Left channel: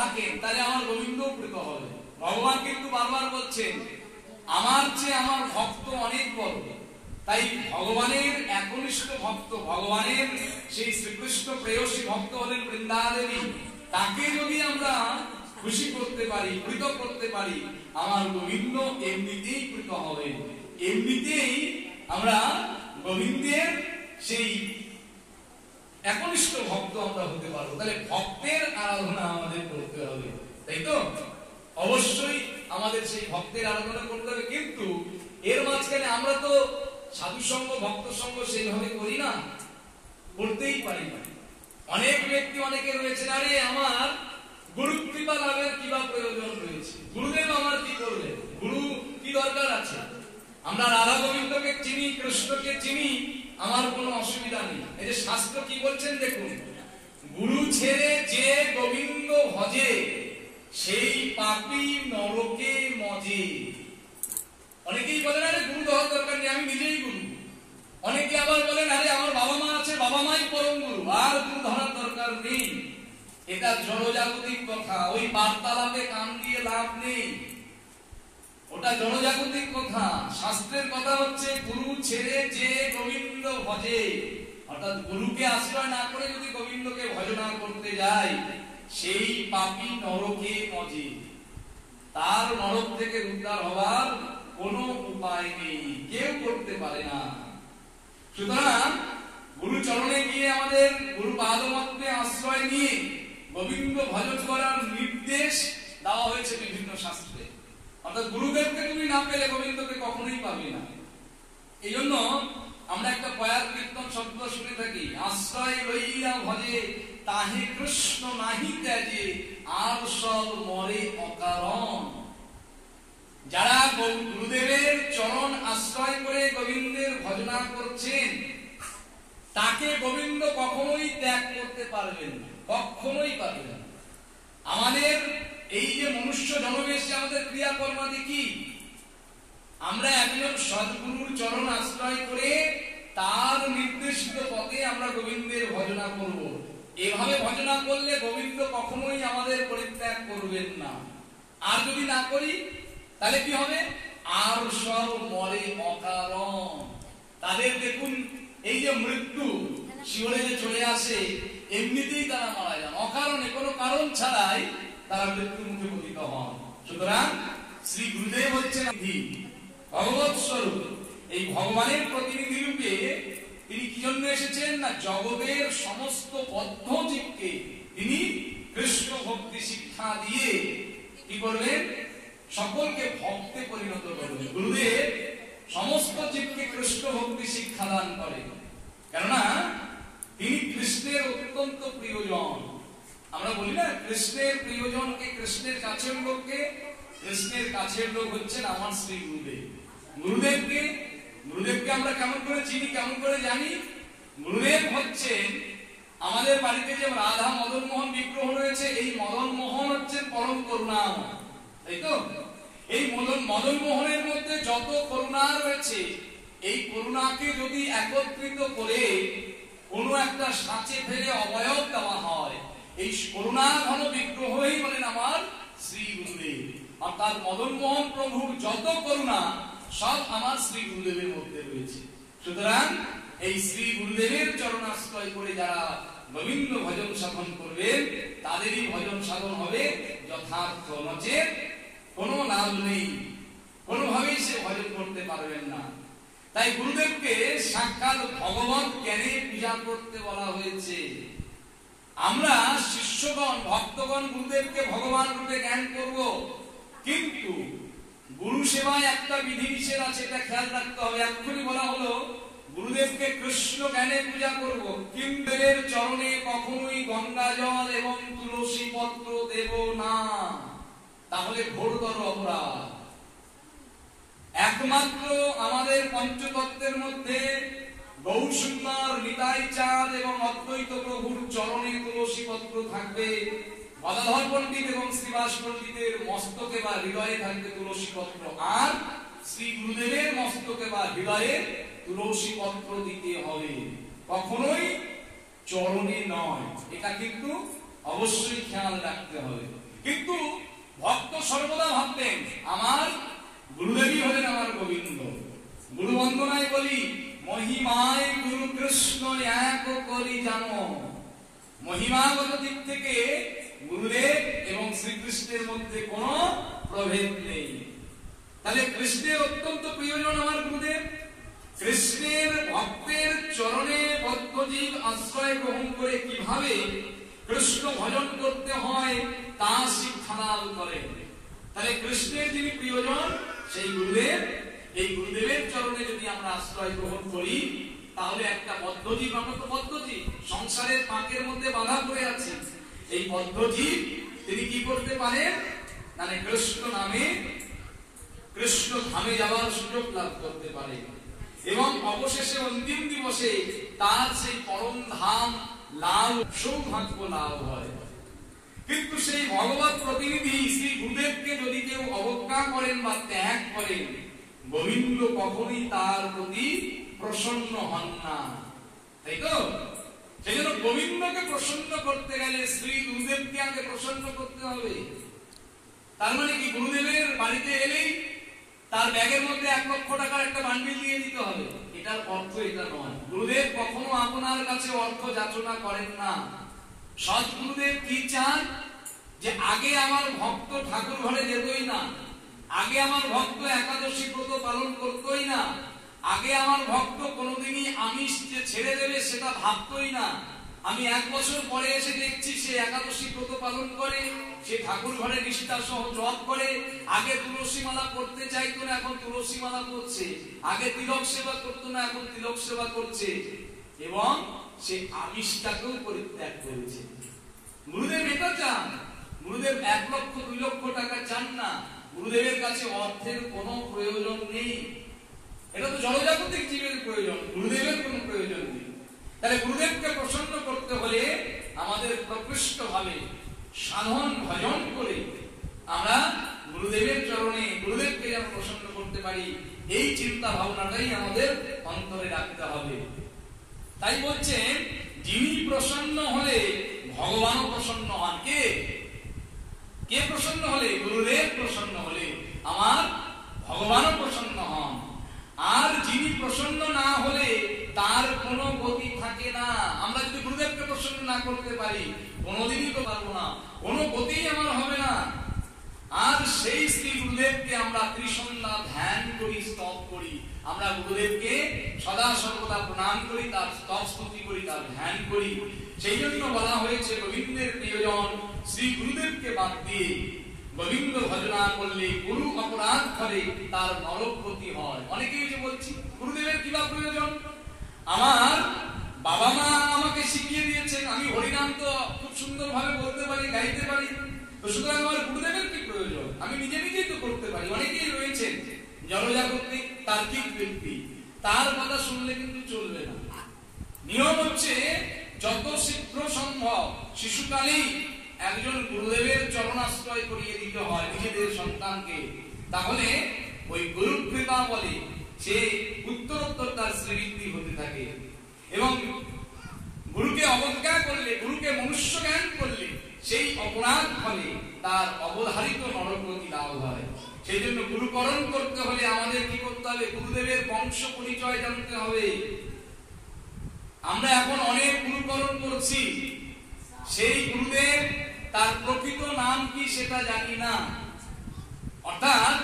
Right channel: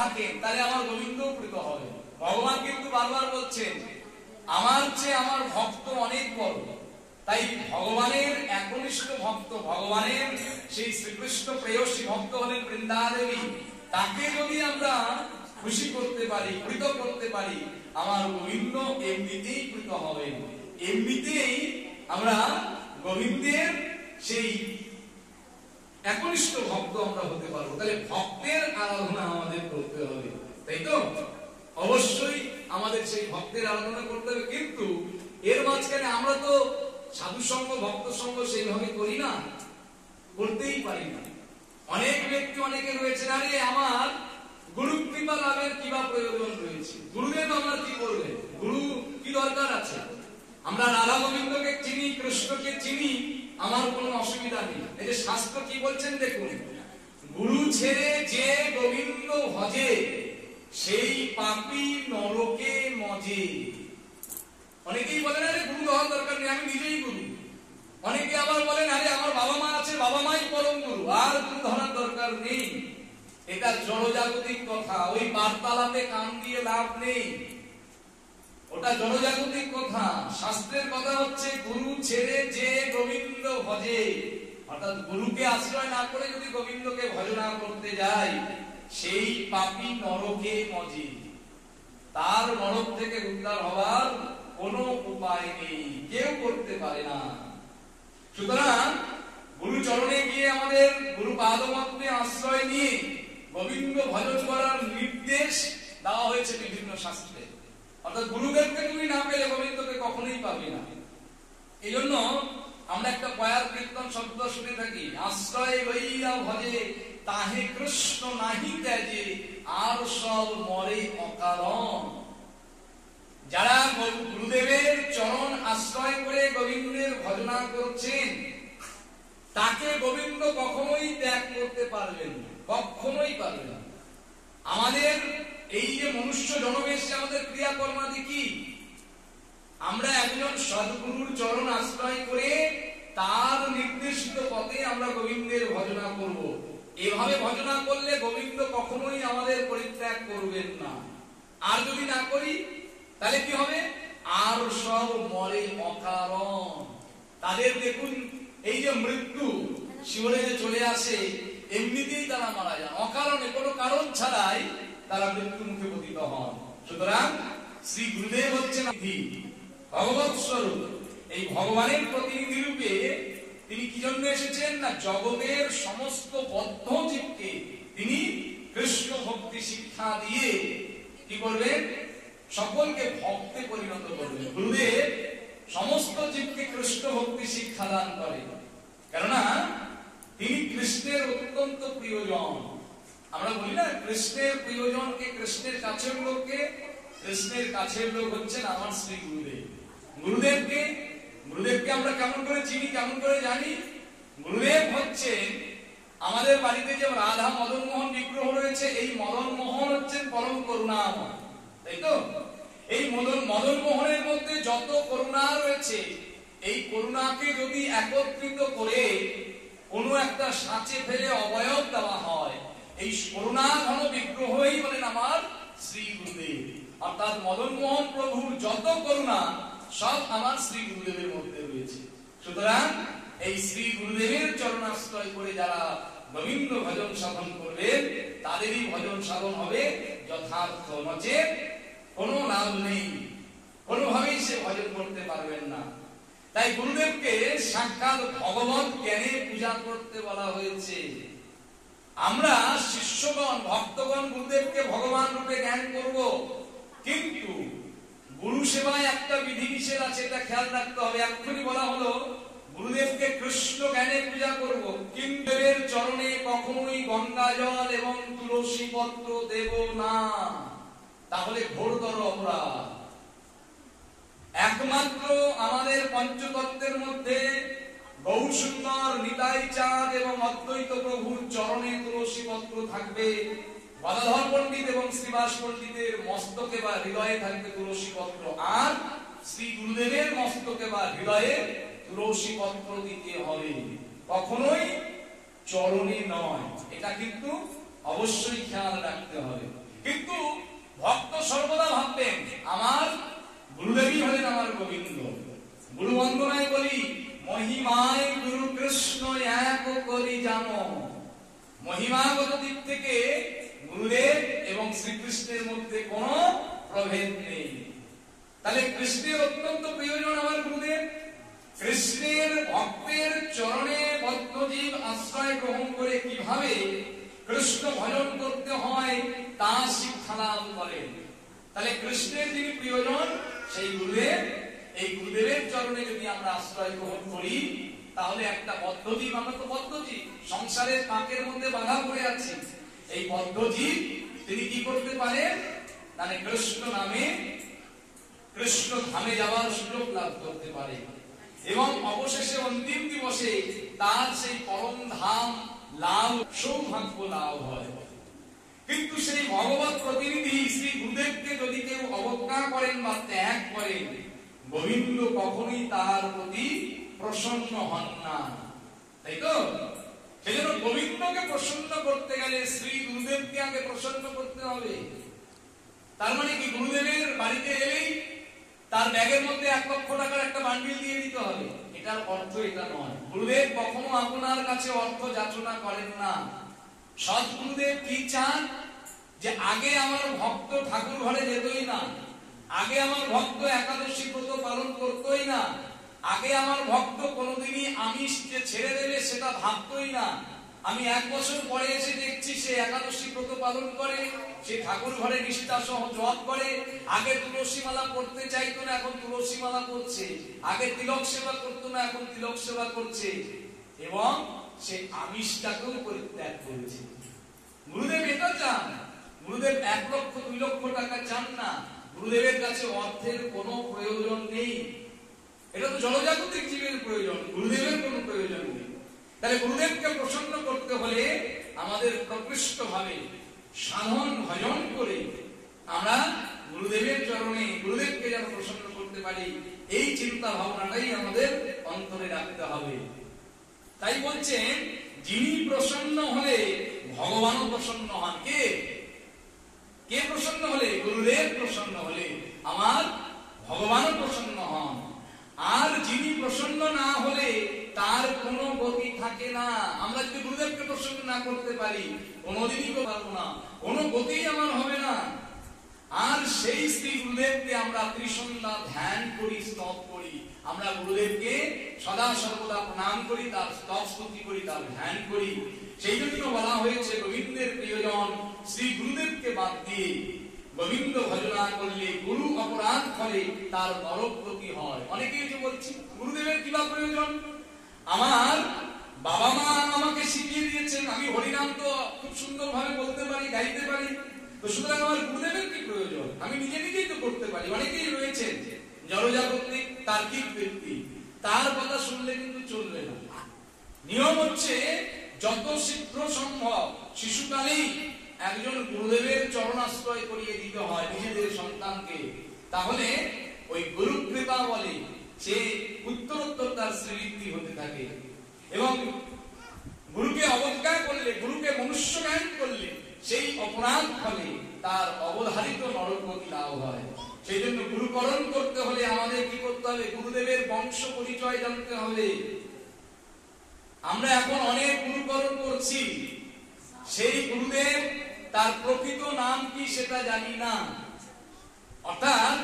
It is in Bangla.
থাকেন তাহলে আমার গোবিন্দ প্রীত হবে। ভগবান কিন্তু বারবার বলছেন আমার চেয়ে আমার ভক্ত অনেক বড়। তাই ভগবানের একনিষ্ঠ ভক্ত, ভগবানের সেই শ্রীকৃষ্ণ প্রেয়সী ভক্ত হলেন বৃন্দাদেবী। তাকে যদি আমরা খুশি করতে পারি, প্রীত করতে পারি, আমার গোবিন্দ এমনিতেই প্রীত হবেন। এমনিতেই আমরা গোবিন্দের সেই একনিষ্ঠ ভক্ত আমরা হতে পারবো। তাহলে ভক্তের আরাধনা আমাদের করতে হবে, তাই তো? অবশ্যই আমাদের সেই ভক্তের আরাধনা করতে হবে, কিন্তু এর মাঝখানে আমরা তো সাধু সঙ্গ ভক্ত সঙ্গ সেইভাবে করি না, করতেই পারি না। অনেক ব্যক্তি অনেকে রয়েছে, আরে আমার গুরু কৃপা লাভের কিবা প্রয়োজন রয়েছে, গুরুদেব আমার কি করবে, গুরু কি দরকার আছে, আমরা রাধা গোবিন্দকে চিনি, কৃষ্ণকে চিনি, আমার কোনো অসুবিধা নেই। এই যে শাস্ত্র কি বলছেন দেখুন, গুরু ছেড়ে যে গোবিন্দ ভজে সেই পাপী নরকে মজে। অনেকেই বলেন আরে গুরু হওয়ার দরকার নেই, আমি নিজেই গুরু। অনেকে আবার বলেন আরে আমার বাবা মা আছে, বাবা মাই পরম গুরু, আর গুরু ধরার দরকার নেই। এটা জড়জাগতিক কথা, ওই বার্তালাপে কান দিয়ে লাভ নেই, ওটা জড়জাগতিক কথা। শাস্ত্রের কথা হচ্ছে গুরু ছেড়ে যে গোবিন্দ ভজে, অর্থাৎ গুরুকে আশ্রয় না করে যদি গোবিন্দকে ভজনা করতে যায় সেই পাপী নরকে মজে। তার নরক থেকে উদ্ধার হওয়ার কোনো উপায় নেই, কেউ করতে পারে না। সুতরাং গুরু চরণে গিয়ে আমাদের গুরু পাদপদ্মে আশ্রয় নিয়ে গোবিন্দ ভজন করার নির্দেশ দেওয়া হয়েছে বিভিন্ন শাস্ত্রে। অর্থাৎ গুরুদেবকে তুমি না পেলে গোবিন্দকে কখনোই পাবে না। এই জন্য আমরা একটা পয়ার কীর্তন শব্দ শুনে থাকি, আশ্রয় লইয়া ভজে তাহে কৃষ্ণ নাহি ত্যাজে আর সব মরে অকারণ। যারা গুরুদেবের চরণ আশ্রয় করে গোবিন্দের ভজনা করছেন তাকে গোবিন্দ কখনোই ত্যাগ করতে পারবেন না, কখনোই পারবেন না। আমাদের এই যে মনুষ্য জন্মে এসে আমাদের ক্রিয়াকর্মাদি কি, আমরা একজন সদ্গুরুর চরণ আশ্রয় করে তার নির্দেশিত পথে আমরা গোবিন্দের ভজনা করব। এভাবে ভজনা করলে গোবিন্দ কখনোই আমাদের পরিত্যাগ করবেন না। আর যদি না করি তাহলে কি হবে, আর সব মরে অকারণ। তাদের দেখুন এই যে মৃত্যু শিবনে যে চলে আসে, এমনিতেই তারা মারা যান, অকারণে, কোনো কারণ ছাড়াই তারা মৃত্যু মুখে পতিত হন। সুতরাং শ্রী গুরুদেব হচ্ছেন ভগবৎ স্বরূপ। এই ভগবানের প্রতিনিধি রূপে তিনি কি জন্য এসেছেন না, জগতের সমস্ত বদ্ধ জীবকে তিনি কৃষ্ণ ভক্তি শিক্ষা দিয়ে কি করবেন, সকলকে ভক্তে পরিণত করবেন। গুরুদেব সমস্ত জীবকে কৃষ্ণ ভক্তি শিক্ষা দান করেন, কেননা তিনি কৃষ্ণের অত্যন্ত প্রিয়জন। আমরা বলি না কৃষ্ণের প্রিয়জনকে, কৃষ্ণের কাছের লোককে, কৃষ্ণের কাছের লোক হচ্ছেন আমার শ্রী গুরুদেব। গুরুদেবকে আমরা কেমন করে চিনি, কেমন করে জানি, গুরুদেব হচ্ছেন আমাদের বাড়িতে যে রাধা মদন মোহন বিগ্রহ রয়েছে, এই মদন মোহন হচ্ছেন পরম করুণাময়, তাই তো? এই মদন মোহনের মধ্যে যত করুণা রয়েছে, এই করুণাকে যদি একত্রিত করে কোনো একটা সাঁচে ফেলে অবয়ব দেওয়া হয়, এই করুণা ঘন বিগ্রহই বলেন আমার শ্রী গুরুদেব। অর্থাৎ মদন মোহন প্রভুর যত করুণা সব আমার শ্রী গুরুদেবের মধ্যে রয়েছে। সুতরাং এই শ্রী গুরুদেবের চরণাশ্রয় করে যারা গোবিন্দ ভজন সাধন করবেন তাদেরই ভজন সাধন হবে যথার্থ, নচেৎ কোনো লাভ নেই, কোনোভাবেই সে ভজন করতে পারবেন না। তাই গুরুদেবকে সাক্ষাৎ ভগবত জ্ঞানে পূজা করতে বলা হয়েছে। আমরা শিষ্যগণ, ভক্তগণ গুরুদেবকে ভগবান রূপে জ্ঞান করব, কিন্তু গুরু সেবায় একটা বিধি নিষেধ আছে, এটা খেয়াল রাখতে হবে। এক্ষুনি বলা হলো গুরুদেবকে কৃষ্ণ জ্ঞানে পূজা করব, কিন্তু দেবের চরণে কখনোই গঙ্গা জল এবং তুলসী পত্র দেব না, তাহলে ঘোরতর অপরাধ। একমাত্র আমাদের পঞ্চতত্ত্বের মধ্যে গৌরসুন্দর, নিতাই চাঁদ এবং অদ্বৈত প্রভুর চরণে তুলসী পত্র থাকবে, গদাধর পণ্ডিত এবং শ্রীবাস পণ্ডিতের মস্তকে বা হৃদয়ে থাকবে তুলসী পত্র, আর শ্রী গুরুদেবের মস্তকে বা হৃদয়ে তুলসী পত্র দিতে হবে, কখনোই চরণে নয়। এটা কিন্তু অবশ্যই খেয়াল রাখতে হবে। কিন্তু ভক্ত সর্বদা ভাববেন আমার গুরুদেবই হলেন আমার গোবিন্দ। গুরু বন্দনায় বলি মহিমায় গুরু কৃষ্ণ এক করি জানো। মহিমাগত দিক থেকে গুরুদেব এবং শ্রীকৃষ্ণের মধ্যে কোনো প্রভেদ নেই। তাহলে কৃষ্ণের অত্যন্ত প্রিয়জন আমার গুরুদেব। কৃষ্ণের ভক্তের চরণে পদ্মজীব আশ্রয় গ্রহণ করে কিভাবে কৃষ্ণ ভজন করতে হয় তা শিক্ষা লাভ করেন। তাহলে কৃষ্ণের যিনি প্রিয়জন সেই গুরুদেব, এই গুরুদেবের চরণে যদি আমরা আশ্রয় গ্রহণ করি তাহলে একটা পদ্মজীব, আমরা তো পদ্মজীব সংসারের পাকের মধ্যে বাধা পড়ে আছি, এই পদ্মজীব তিনি কি করতে পারেন, মানে কৃষ্ণ নামে কৃষ্ণ ধামে যাওয়ার সুযোগ লাভ করতে পারে এবং অবশেষে অন্তিম দিবসে তার সেই পরম ধাম লাভ সৌভাগ্য লাভ হয়। কিন্তু সেই ভগবত প্রতিনিধি শ্রী গুরুদেবকে যদি কেউ অবজ্ঞা করেন বা ত্যাগ করেন, গোবিন্দ কখনই তার প্রতি প্রসন্ন হন না, তাই তো? সেই জন্য গোবিন্দকে প্রসন্ন করতে গেলে শ্রী গুরুদেবকে আগে প্রসন্ন করতে হবে। তার মানে কি গুরুদেবের বাড়িতে এলেই তার ব্যাগের মধ্যে 1 লক্ষ টাকার একটা বান্ডিল দিয়ে দিতে হবে, এটার অর্থ এটা নয়। গুরুদেব কখনো আপনার কাছে অর্থ যাচনা করেন না। সৎ গুরুদেব কি চান, যে আগে আমার ভক্ত ঠাকুর ঘরে যেতই না, আগে আমার ভক্ত একাদশী ব্রত পালন করতই না, আগে আমার ভক্ত কোনোদিনই আমিষ যে ছেড়ে দেবে সেটা ভাবতই না। আমি 1 বছর পরে এসে দেখছি সে একাদশী ব্রত পালন করে, সে ঠাকুর ঘরে নিষ্ঠা সহ জপ করে। আগে তুলসী মালা করতে চাইতো না, এখন তুলসী মালা করছে। আগে তিলক সেবা করতো না, এখন তিলক সেবা করছে এবং সে আমিষটাকেও পরিত্যাগ করেছে। গুরুদেব এটা চান। গুরুদেব 1 লক্ষ 2 লক্ষ টাকা চান না। গুরুদেবের কাছে অর্থের কোনো প্রয়োজন নেই, এটা তো জড়জাগতিক জীবের প্রয়োজন, গুরুদেবের কোনো প্রয়োজন নেই। তাহলে গুরুদেবকে প্রসন্ন করতে হলে আমাদের প্রকৃষ্ট ভাবে সাধন ভজন করে আমরা গুরুদেবের চরণে গুরুদেবকে যেন প্রসন্ন করতে পারি, এই চিন্তা ভাবনাটাই আমাদের অন্তরে রাখতে হবে। তাই বলছেন যিনি প্রসন্ন হলে ভগবানও প্রসন্ন হন। কে কে প্রসন্ন হলে? গুরুদেব প্রসন্ন হলে আমার ভগবানও প্রসন্ন হন। আর যিনি প্রসন্ন না হলে তার কোনো গতি থাকে না। আমরা যদি গুরুদেবকে প্রসন্ন না করতে পারি কোনোদিনই তো পারবো না, কোনো গতিই আমার হবে না। আর সেই শ্রী গুরুদেবকে আমরা ত্রিসন্ধ্যা ধ্যান করি, স্তব করি। আমরা গুরুদেবকে সদা সর্বদা প্রণাম করি, তার স্তব স্তুতি করি, তার ধ্যান করি। সেই জন্য বলা হয়েছে গোবিন্দের প্রিয়জন শ্রী গুরুদেবকে বাদ দিয়ে গোবিন্দ ভজনা করলে গুরু অপরাধ করে তার নরকগতি হয়। অনেকেই যে বলছি গুরুদেবের কিবা প্রয়োজন, আমার বাবা মা আমাকে শিখিয়ে দিয়েছেন, আমি হরিনাম তো খুব সুন্দর ভাবে বলতে পারি, গাইতে পারি, তো সুতরাং আমার গুরুদেবের কি প্রয়োজন, আমি নিজে নিজেই তো করতে পারি। অনেকেই রয়েছেন জড়জাগতিক তার্কিক ব্যক্তি, তার কথা শুনলে কিন্তু চলবে না। নিয়ম হচ্ছে যত শীঘ্র সম্ভব শিশুকালেই একজন গুরুদেবের চরণাশ্রয় করিয়ে দিতে হয় নিজেদের সন্তানকে। তাহলে ওই গুরু কৃপা বলে সে উত্তরোত্তর তার শ্রীবৃদ্ধি হতে থাকে এবং গুরুকে অবজ্ঞা করলে, গুরুকে মনুষ্য জ্ঞান করলে সেই অপরাধ ফলে তার অবধারিত নরকগতি লাভ হয়। সেই জন্য গুরুকরণ করতে হলে আমাদের কি করতে হবে? গুরুদেবের বংশ পরিচয় জানতে হবে। আমরা এখন অনেক গুরুকরণ করছি, সেই গুরুদেব তার প্রকৃত নাম কি সেটা জানি না। অর্থাৎ